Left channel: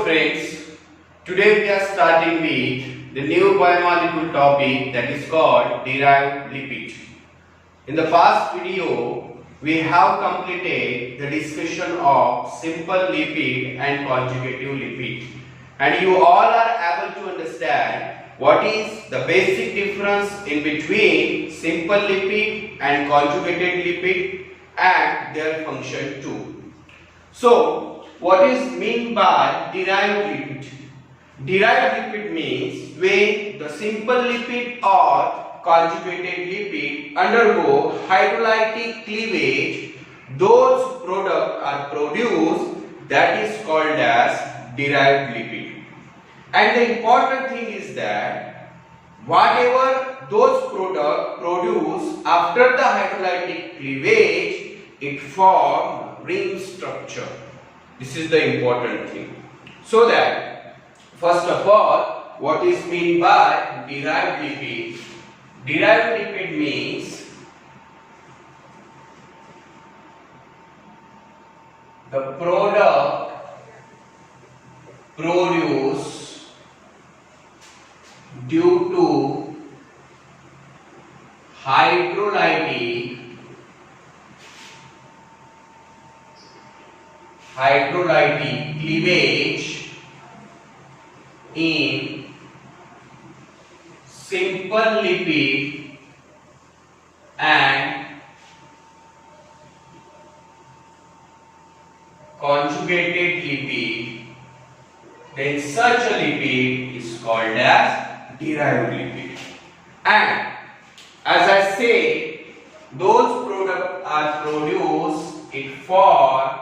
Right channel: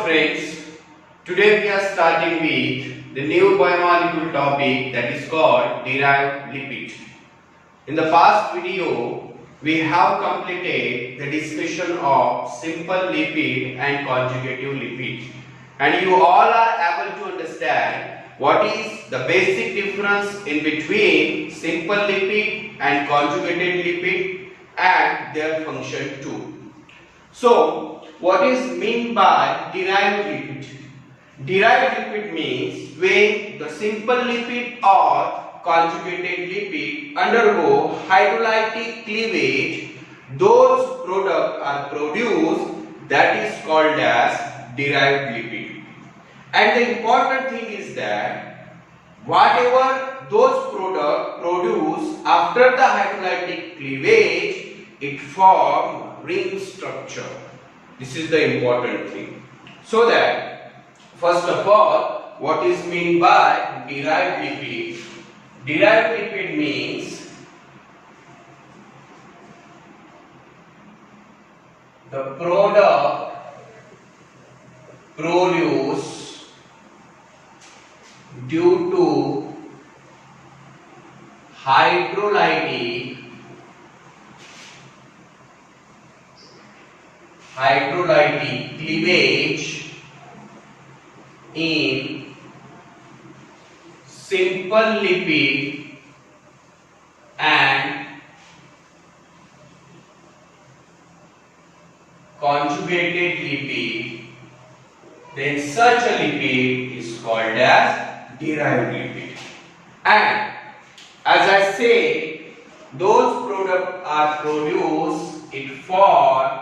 Friends, today we are starting with the new biomolecule topic that is called derived lipid. In the past video, we have completed the discussion of simple lipid and conjugative lipid, and you all are able to understand what is the basic difference in between simple lipid and conjugated lipid and their function too. So, what is meant by derived lipid? Derived lipid means when the simple lipid or conjugated lipid undergo hydrolytic cleavage, those products are produced, that is called as derived lipid. And the important thing is that whatever those products produce after the hydrolytic cleavage, it forms ring structure. This is the important thing. So that, first of all, what is meant by derived lipid? Derived lipid means the product produced due to hydrolytic cleavage in simple lipid and conjugated lipid, then such a lipid is called as derived lipid. And as I say, those products are produced for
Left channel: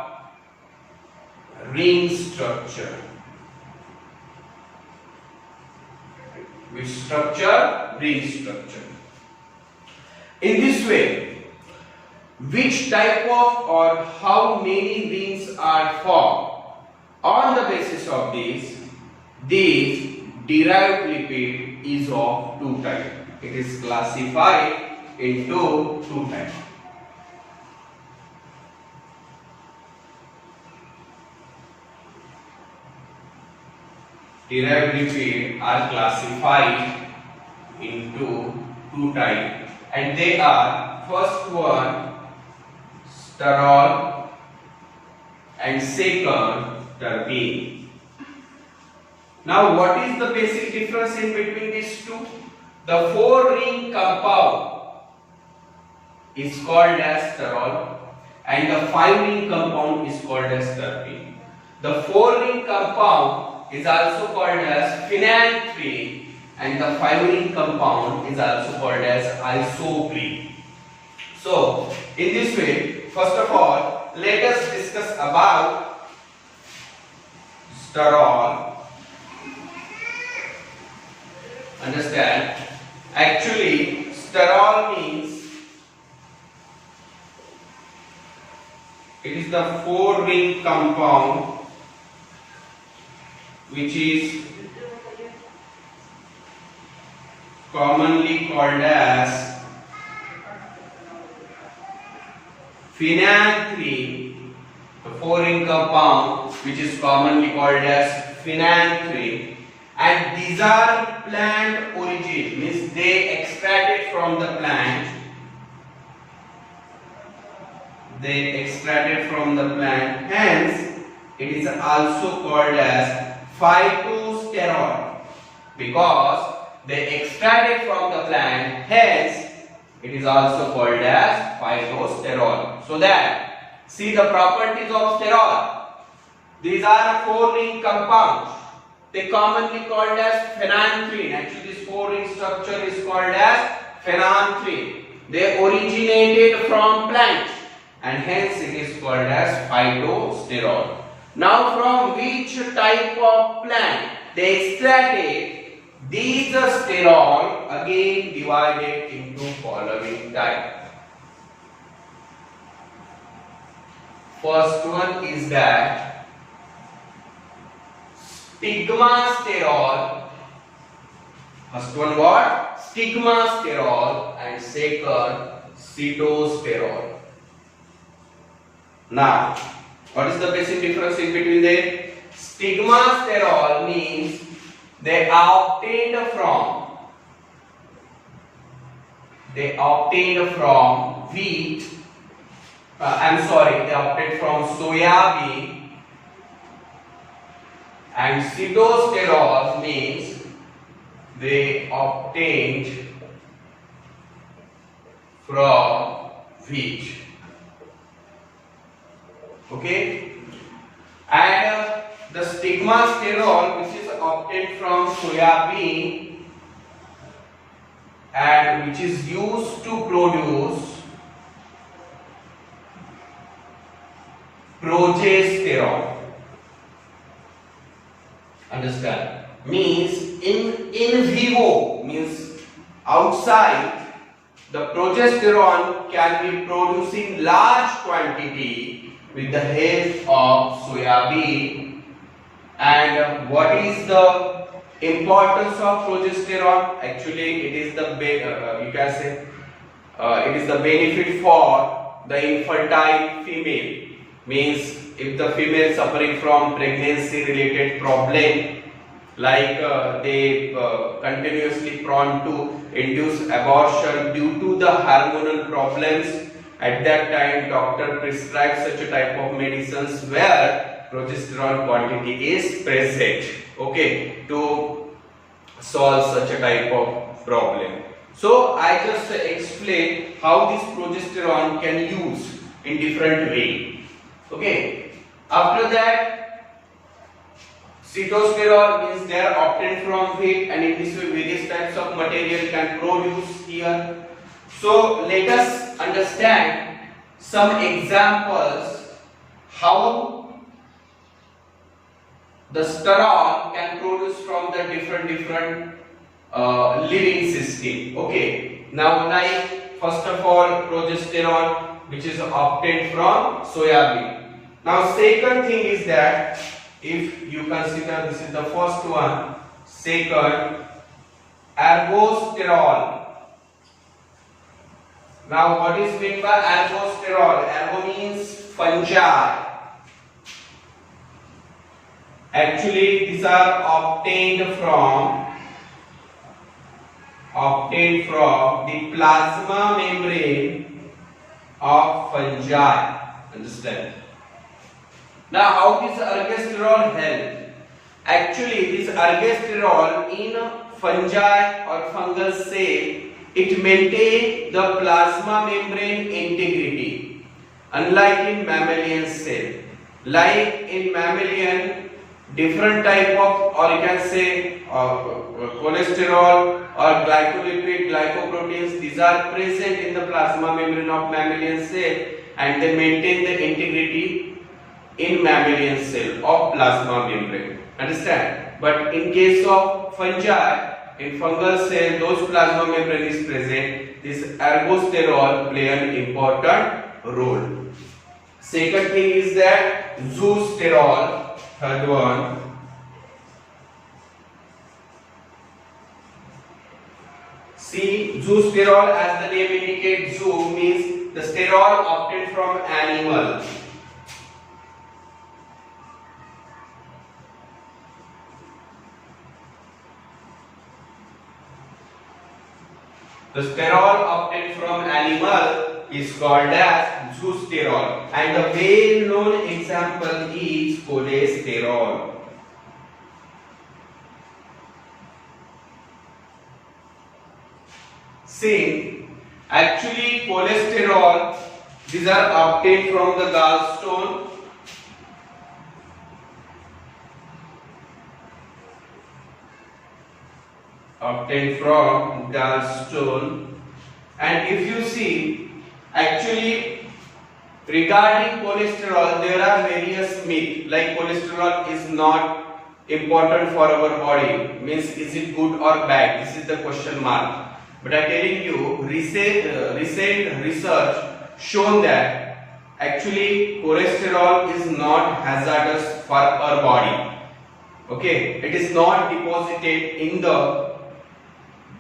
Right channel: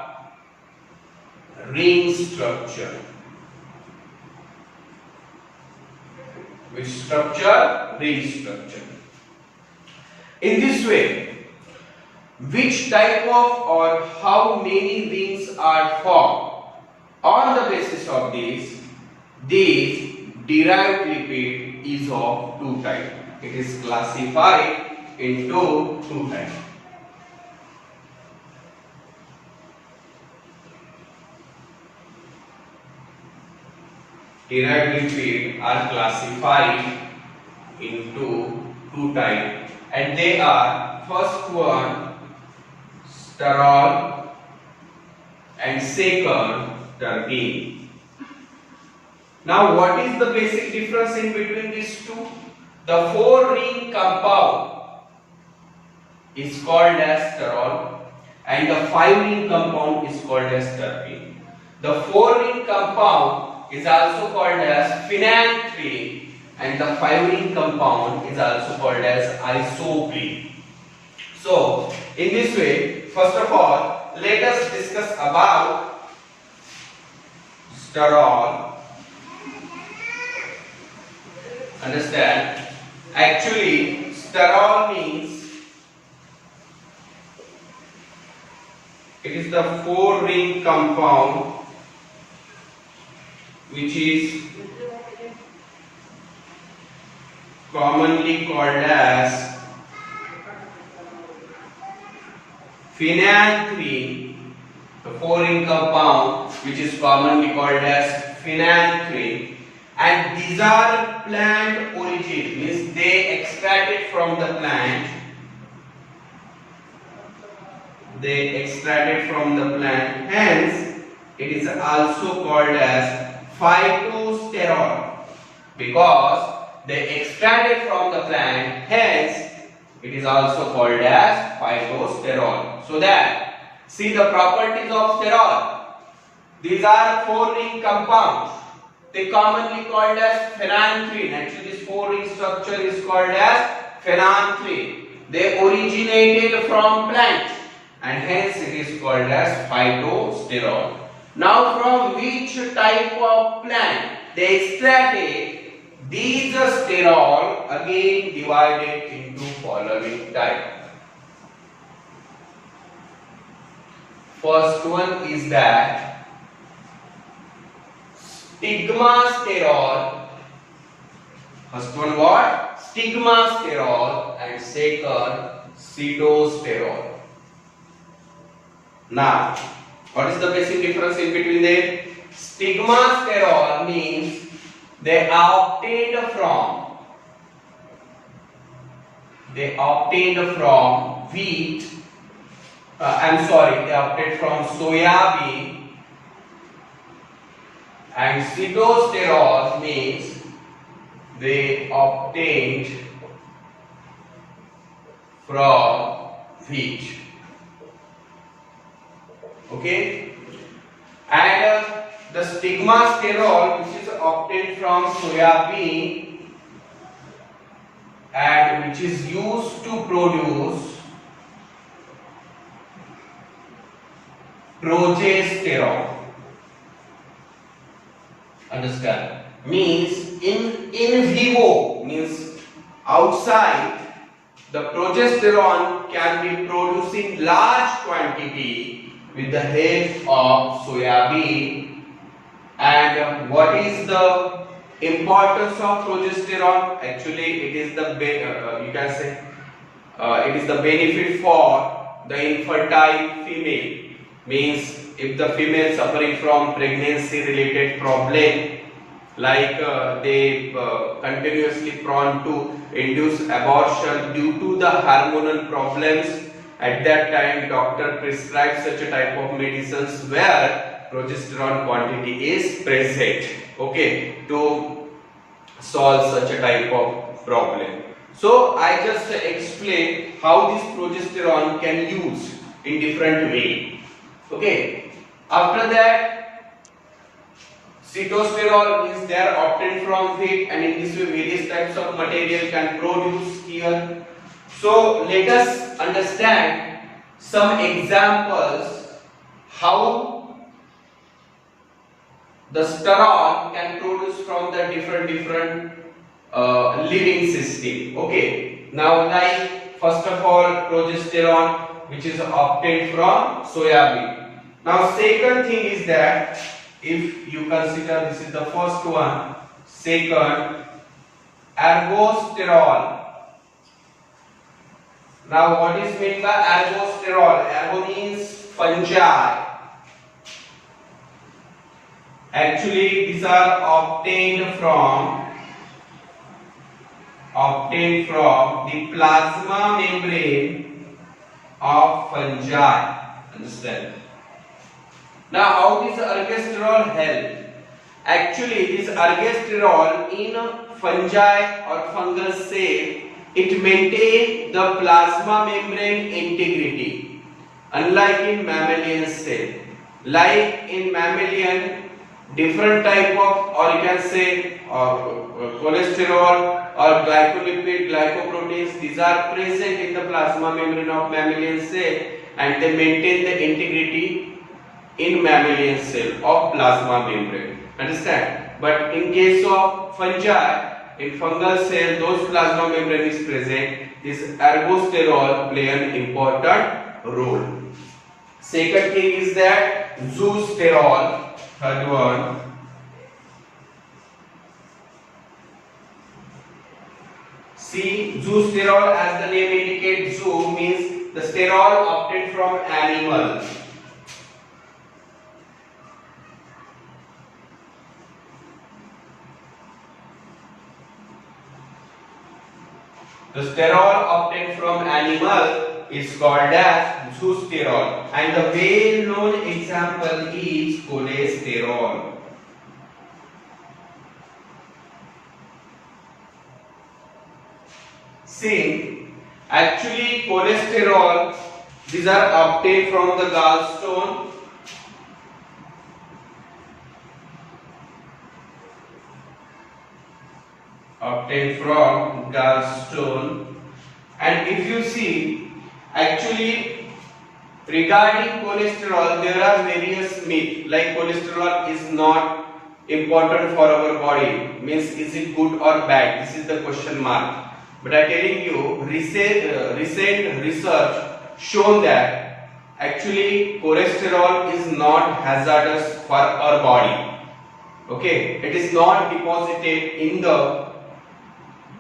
ring structure. Which structure? Ring structure. In this way, which type of or how many rings are formed? On the basis of this derived lipid is of two types. It is classified into two types. Derived lipid are classified into two types, and they are, first one sterol and second terpene. Now what is the basic difference in between these two? The 4-ring compound is called as sterol and the 5-ring compound is called as terpene. The 4-ring compound is also called as phenanthrin and the 5-ring compound is also called as isoprene. So, in this way, first of all, let us discuss about sterol. Understand? Actually, sterol means it is the 4-ring compound which is commonly called as phenanthrin, the 4-ring compound which is commonly called as phenanthrin, and these are plant origin, means they extracted from the plant. Hence it is also called as phytosterol because they extracted from the plant, hence it is also called as phytosterol. So that, see the properties of sterol. These are 4-ring compounds. They commonly called as phenanthrin. Actually this 4-ring structure is called as phenanthrin. They originated from plant and hence it is called as phytosterol. Now from which type of plant they extracted these sterol, again divided into following type. First one is that stigmasterol. First one what? Stigmasterol, and second Cetosterol. Now, what is the basic difference in between them? Stigmasterol means they are obtained from wheat. They obtained from soya bean. And sitosterol means they obtained from wheat. Okay, and the stigmasterol, which is obtained from soya bean and which is used to produce progesterone. Understand? Means in vivo, means outside, the progesterone can be produced in large quantity with the help of soya bean. And what is the importance of progesterone? Actually, it is the it is the benefit for the infertile female. Means if the female suffering from pregnancy related problem, like they continuously prone to induce abortion due to the hormonal problems, at that time doctor prescribes such a type of medicines where progesterone quantity is present, okay, to solve such a type of problem. So I just explain how this progesterone can use in different way. Okay, after that, sitosterol means they are obtained from wheat, and in this way various types of material can produce here. So let us understand some examples how the sterol can produce from the different living system. Okay, now like first of all progesterone, which is obtained from soya bean. Now second thing is that if you consider, this is the first one, second, ergosterol. Now what is meant by ergosterol? Ergo means fungi. Actually these are obtained from the plasma membrane of fungi. Understand? Now how does ergosterol help? Actually this ergosterol in fungi or fungal cell, it maintains the plasma membrane integrity, unlike in mammalian cell. Like in mammalian, different type of, or you can say cholesterol or glycolipid, glycoproteins, these are present in the plasma membrane of mammalian cell, and they maintain the integrity in mammalian cell of plasma membrane. Understand? But in case of fungi, in fungal cell, those plasma membrane is present. This ergosterol play an important role. Second thing is that zoosterol. Third one. See, zoosterol, as the name indicates, zoo means the sterol obtained from animal. The sterol obtained from animal is called as zoosterol, and the well-known example is cholesterol. See, actually cholesterol, these are obtained from the gallstone. Obtained from gallstone, and if you see, actually regarding cholesterol there are various myths, like cholesterol is not important for our body, means is it good or bad, this is the question mark. But I am telling you, recent research shown that actually cholesterol is not hazardous for our body. Okay, it is not deposited in the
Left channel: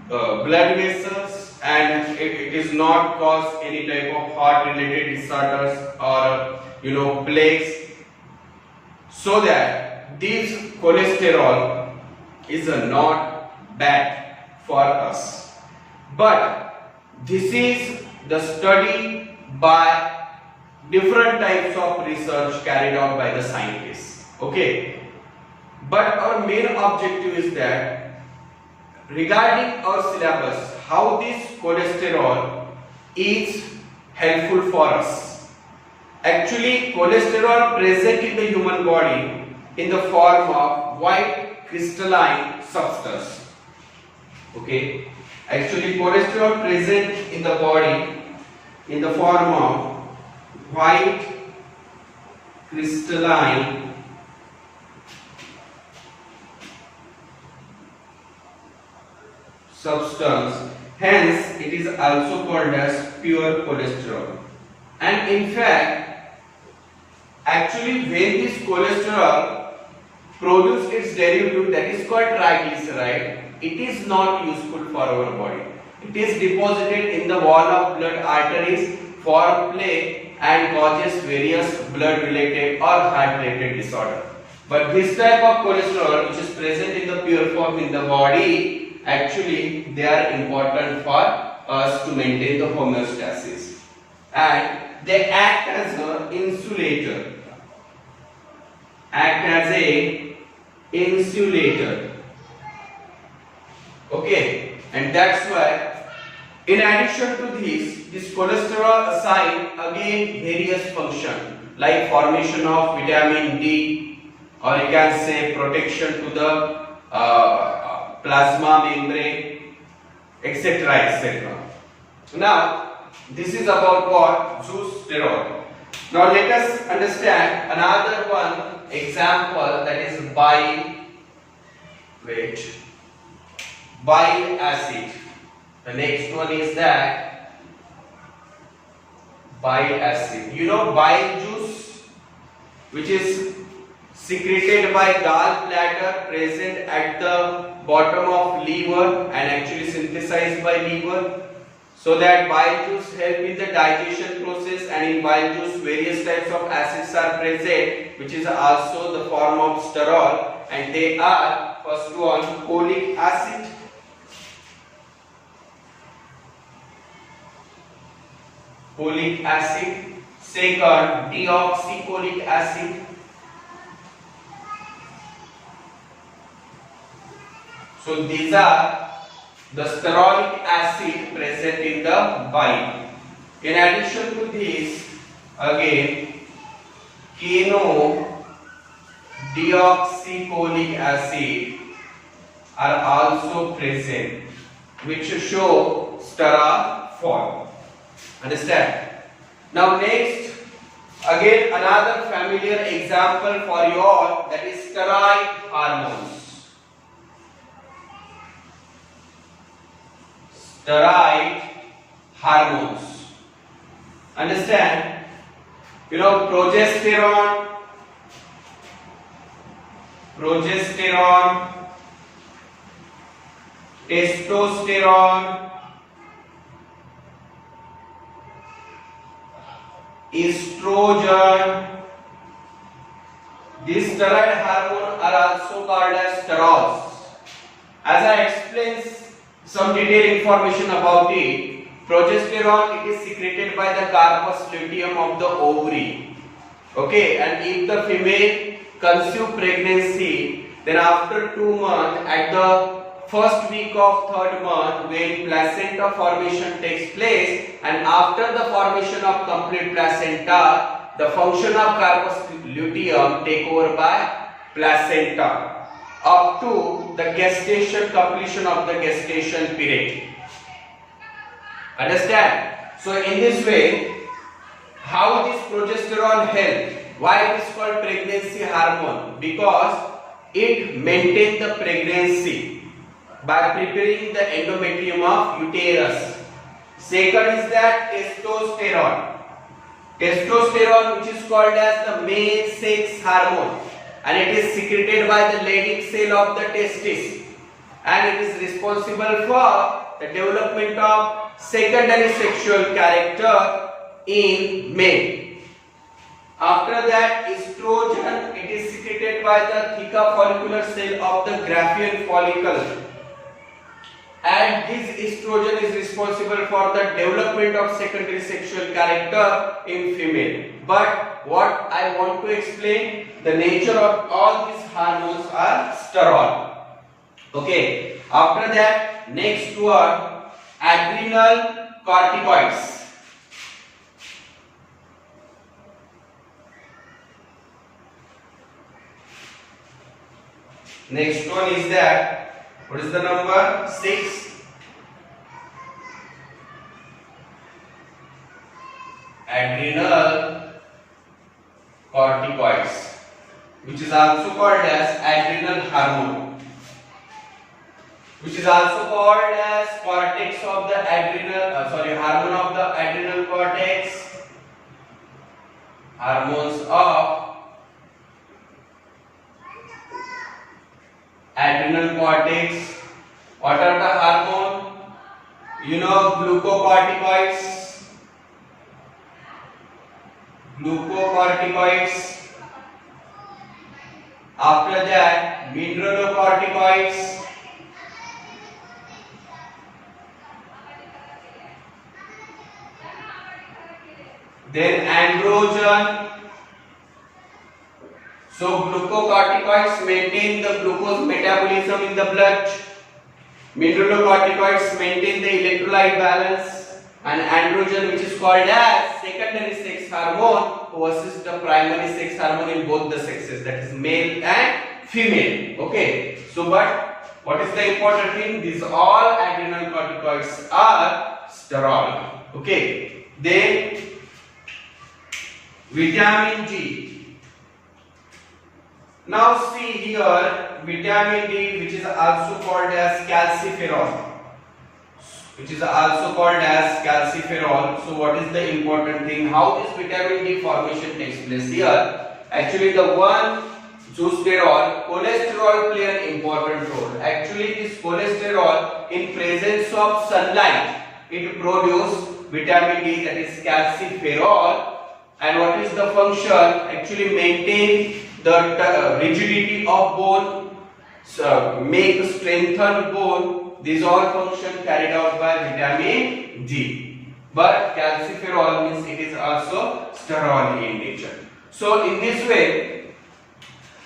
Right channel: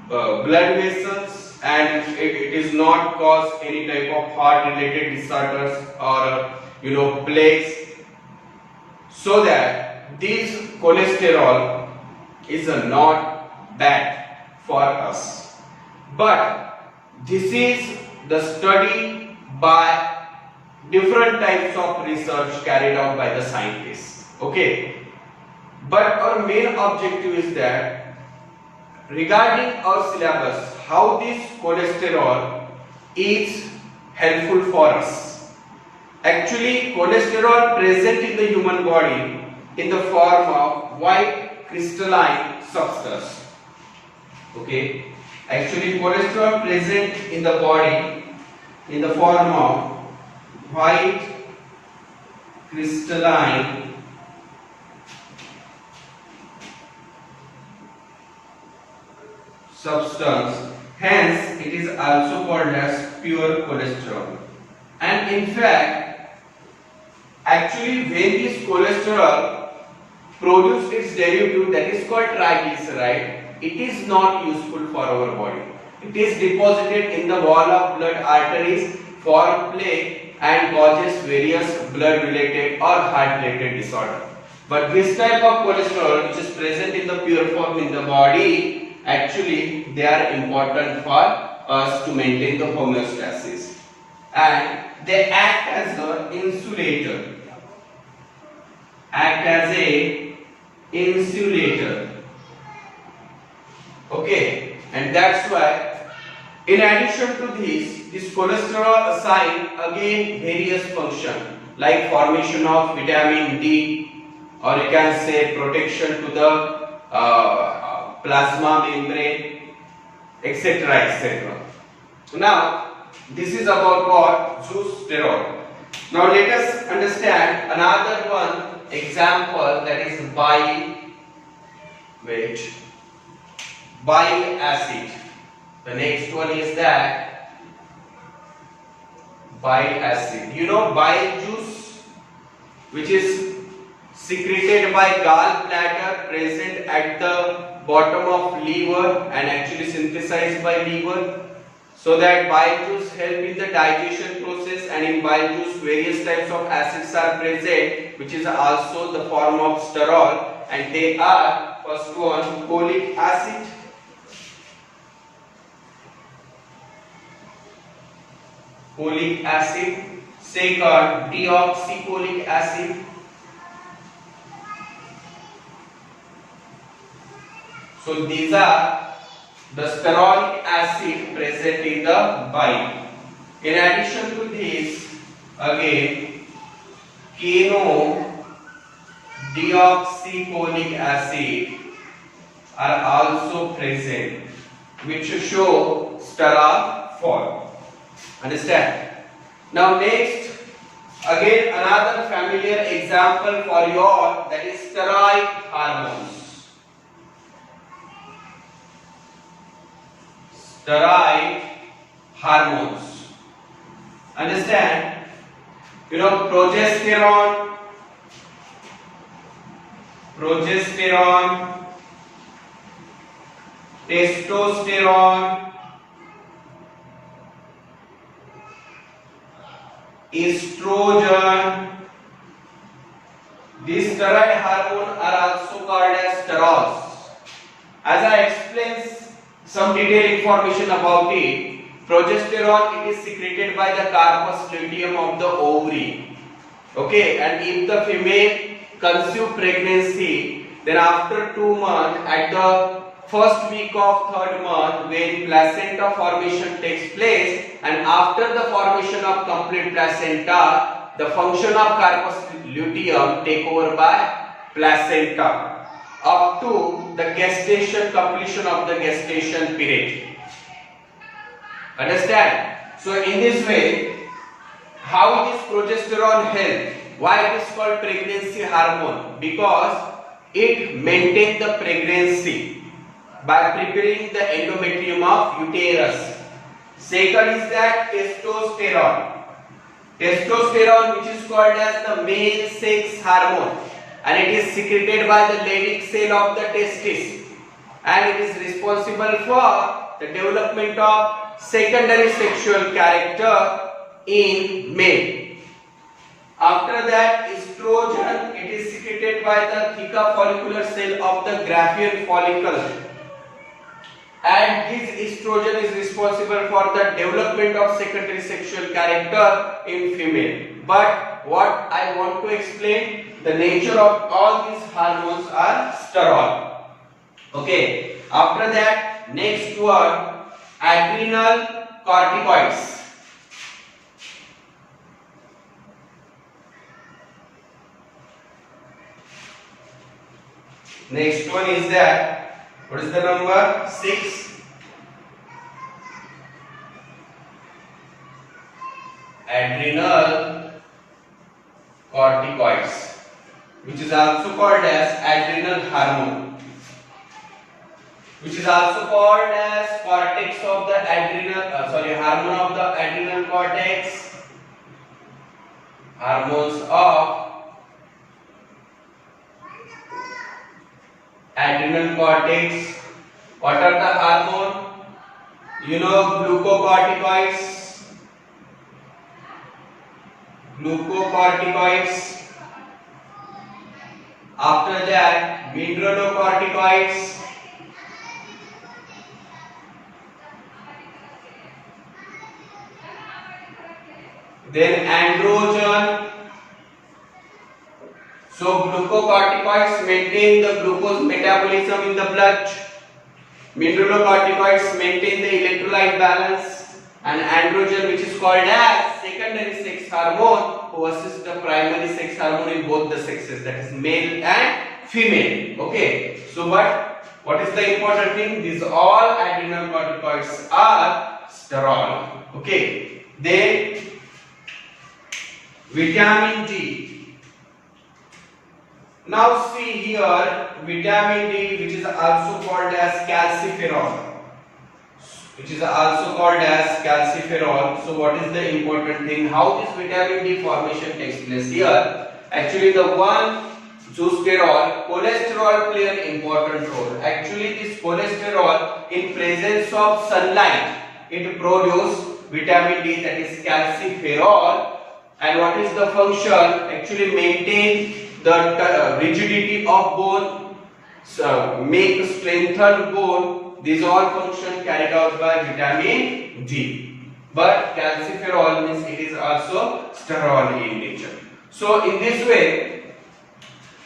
blood vessels, and it is not cause any type of heart related disorders or plaques. So that this cholesterol is not bad for us, but this is the study by different types of research carried out by the scientists. Okay, but our main objective is that regarding our syllabus, how this cholesterol is helpful for us. Actually, cholesterol present in the human body in the form of white crystalline substance. Okay, actually cholesterol present in the body in the form of white crystalline substance, hence it is also called as pure cholesterol. And in fact, actually when this cholesterol produces its derivative, that is called triglyceride, it is not useful for our body. It is deposited in the wall of blood arteries, form plaque and causes various blood related or heart related disorder. But this type of cholesterol which is present in the pure form in the body, actually they are important for us to maintain the homeostasis, and they act as an insulator. Okay, and that's why in addition to this cholesterol assign again various function like formation of vitamin D, or you can say protection to the plasma membrane, etc., etc. Now this is about what? Zoosterol. Now let us understand another one example, that is bile acid. The next one is that bile acid. You know bile juice, which is secreted by gallbladder, present at the bottom of liver and actually synthesized by liver. So that bile juice help in the digestion process, and in bile juice various types of acids are present, which is also the form of sterol, and they are, first one, folic acid, second deoxycholic acid, so these are the sterolic acid present in the bile. In addition to this, again deoxycholic acid are also present, which show sterol form. Understand? Now next, again another familiar example for you all, that is steroid hormones. Steroid hormones. Understand? You know progesterone, testosterone, estrogen. These steroid hormones are also called as sterols. As I explained some detailed information about it, progesterone, it is secreted by the corpus luteum of the ovary. Okay, and if the female conceive pregnancy, then after 2 months, at the first week of 3rd month, when placenta formation takes place, and after the formation of complete placenta, the function of corpus luteum take over by placenta up to the gestation, completion of the gestation period. Understand? So in this way, how this progesterone help? Why it is called pregnancy hormone? Because it maintains the pregnancy by preparing the endometrium of uterus. Second is that testosterone. Testosterone, which is called as the male sex hormone, and it is secreted by the Leydig cell of the testis, and it is responsible for the development of secondary sexual character in male. After that, estrogen, it is secreted by the theca follicular cell of the Graafian follicle, and this estrogen is responsible for the development of secondary sexual character in female. But what I want to explain, the nature of all these hormones are steroid. Okay. After that, next word, adrenal corticoids. Next one is that, what is the number? 6. Adrenal corticoids, which is also called as adrenal hormone, which is also called as cortex of the adrenal, hormone of the adrenal cortex, hormones of adrenal cortex. What are the hormone? You know, glucocorticoids. After that, mineralocorticoids. Then androgen. So glucocorticoids maintain the glucose metabolism in the blood. Mineralocorticoids maintain the electrolyte balance, and androgen, which is called as secondary sex hormone, who assists the primary sex hormone in both the sexes, that is male and female. Okay. So, but what is the important thing? These all adrenal corticoids are sterol. Okay. Then vitamin D. Now see here, vitamin D, which is also called as calciferol. So what is the important thing? How this vitamin D formation takes place here? Actually, the one cholesterol play an important role. Actually, this cholesterol, in presence of sunlight, it produces vitamin D, that is calciferol. And what is the function? Actually, maintain the rigidity of bone, make strengthen bone. These all functions carried out by vitamin D. But calciferol means it is also sterol in nature. So in this way,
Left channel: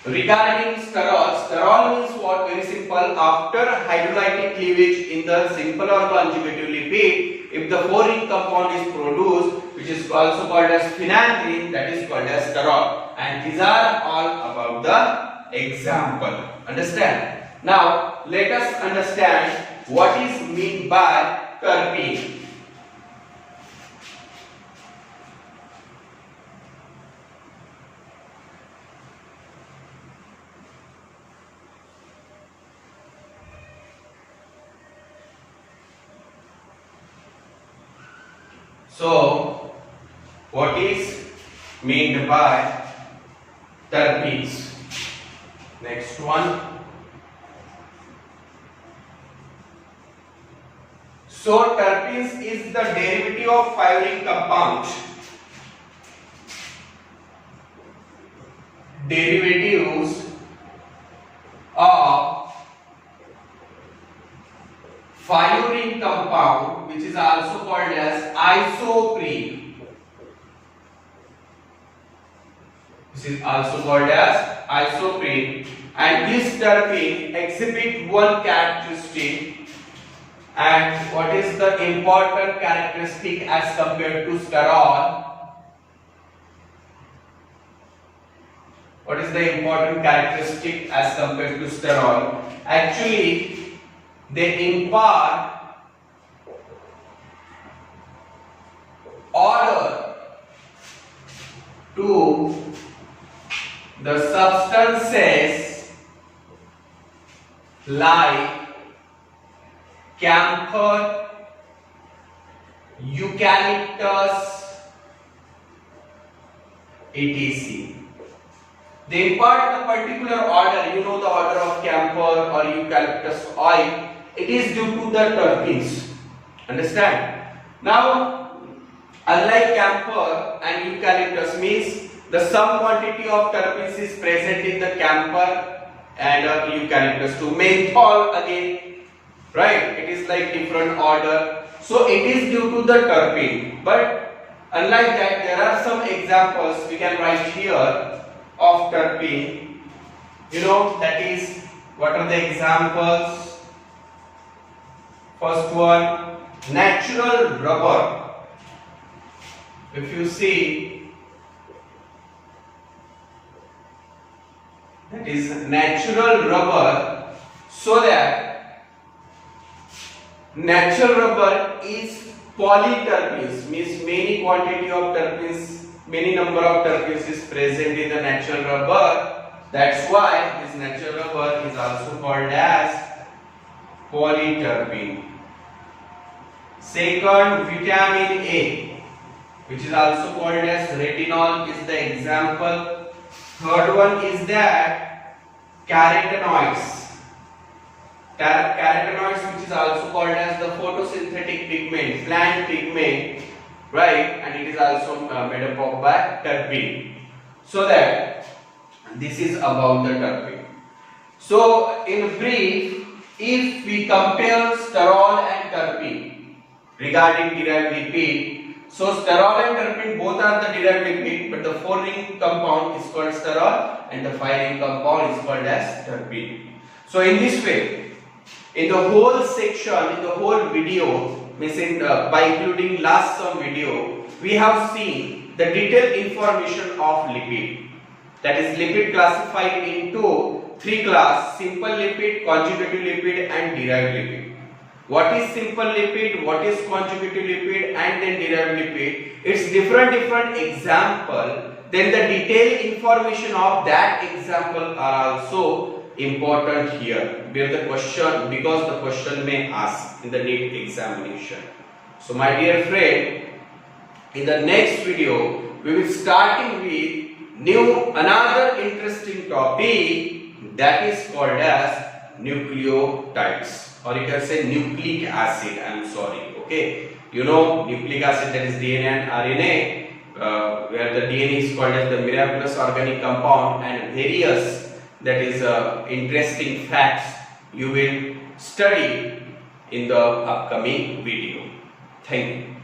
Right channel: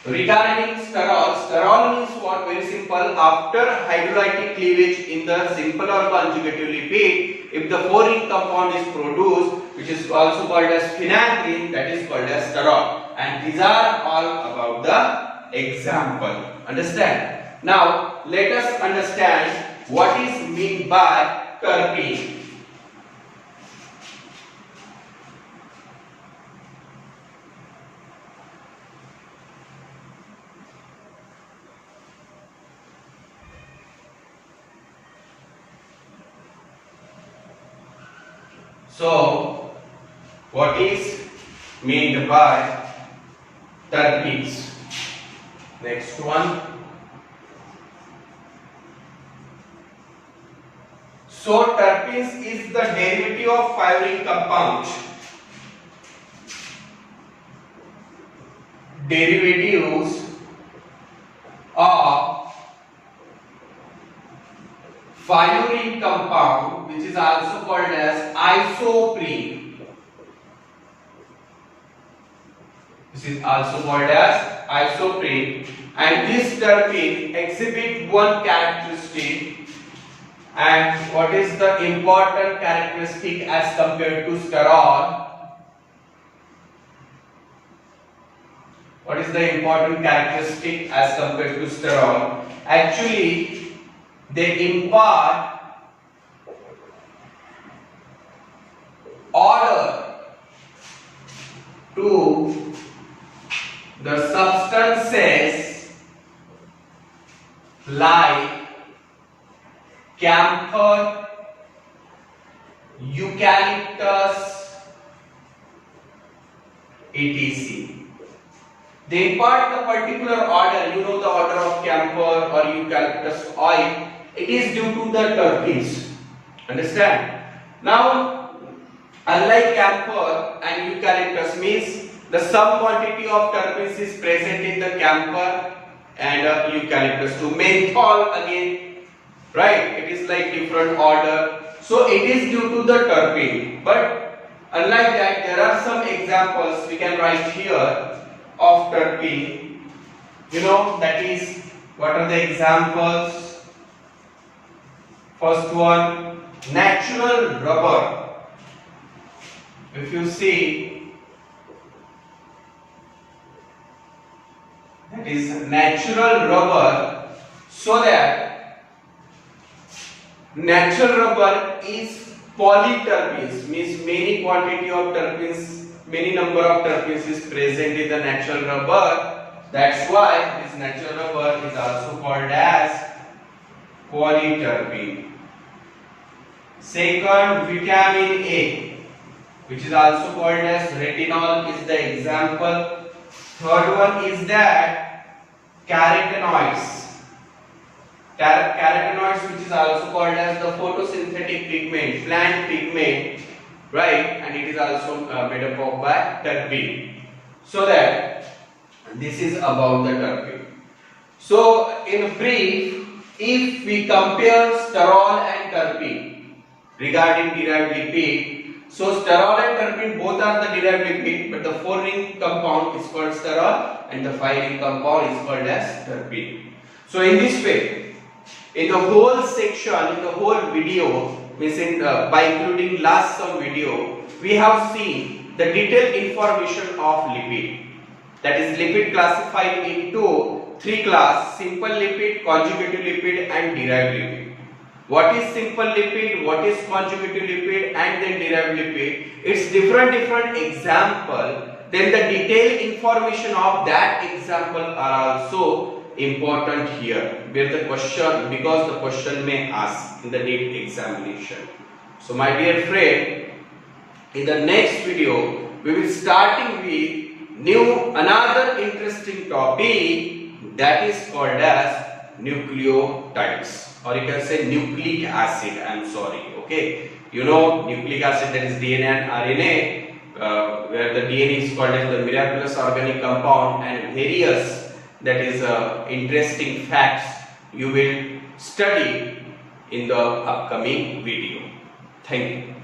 regarding sterol means what? Very simple. After hydrolytic cleavage in the simple or conjugative lipid, if the 4-ring compound is produced, which is also called as phenanthrene, that is called as sterol. And these are all about the example. Understand? Now let us understand what is meant by terpene. So, what is meant by terpenes? Next one. So, terpenes is the derivative of 5-ring compound. Derivatives of 5-ring compound, which is also called as isoprene. This is also called as isoprene, and this terpene exhibit one characteristic. And what is the important characteristic as compared to sterol? What is the important characteristic as compared to sterol? Actually, they impart order to the substances like camphor, eucalyptus, etc. They impart the particular order, you know the order of camphor or eucalyptus oil, it is due to the terpenes. Understand? Now, unlike camphor and eucalyptus means the some quantity of terpenes is present in the camphor and eucalyptus too. Menthol again, right? It is like different order. So it is due to the terpene. But unlike that, there are some examples we can write here of terpene. You know, that is, what are the examples? First one, natural rubber. If you see, that is natural rubber, so that natural rubber is polyterpenes, means many quantity of terpenes, many number of terpenes is present in the natural rubber. That's why this natural rubber is also called as polyterpene. Second, vitamin A, which is also called as retinol, is the example. Third one is that carotenoids. Carotenoids, which is also called as the photosynthetic pigment, plant pigment, right? And it is also made up of by terpene. So that this is about the terpene. So in brief, if we compare sterol and terpene regarding derived lipid, so sterol and terpene both are the derived lipid, but the 4-ring compound is called sterol and the 5-ring compound is called as terpene. So in this way, in the whole section, in the whole video, means by including last some video, we have seen the detailed information of lipid. That is, lipid classified into 3 classes: simple lipid, conjugative lipid and derived lipid. What is simple lipid, what is conjugative lipid and then derived lipid? It's different example. Then the detailed information of that example are also important here, where the question, because the question may ask in the NEET examination. So my dear friend, in the next video we will starting with another interesting topic, that is called as nucleotides, or you can say nucleic acid. I'm sorry. Okay, you know nucleic acid, that is DNA and RNA, where the DNA is called as the miraculous organic compound, and various, that is interesting facts you will study in the upcoming video. Thank you.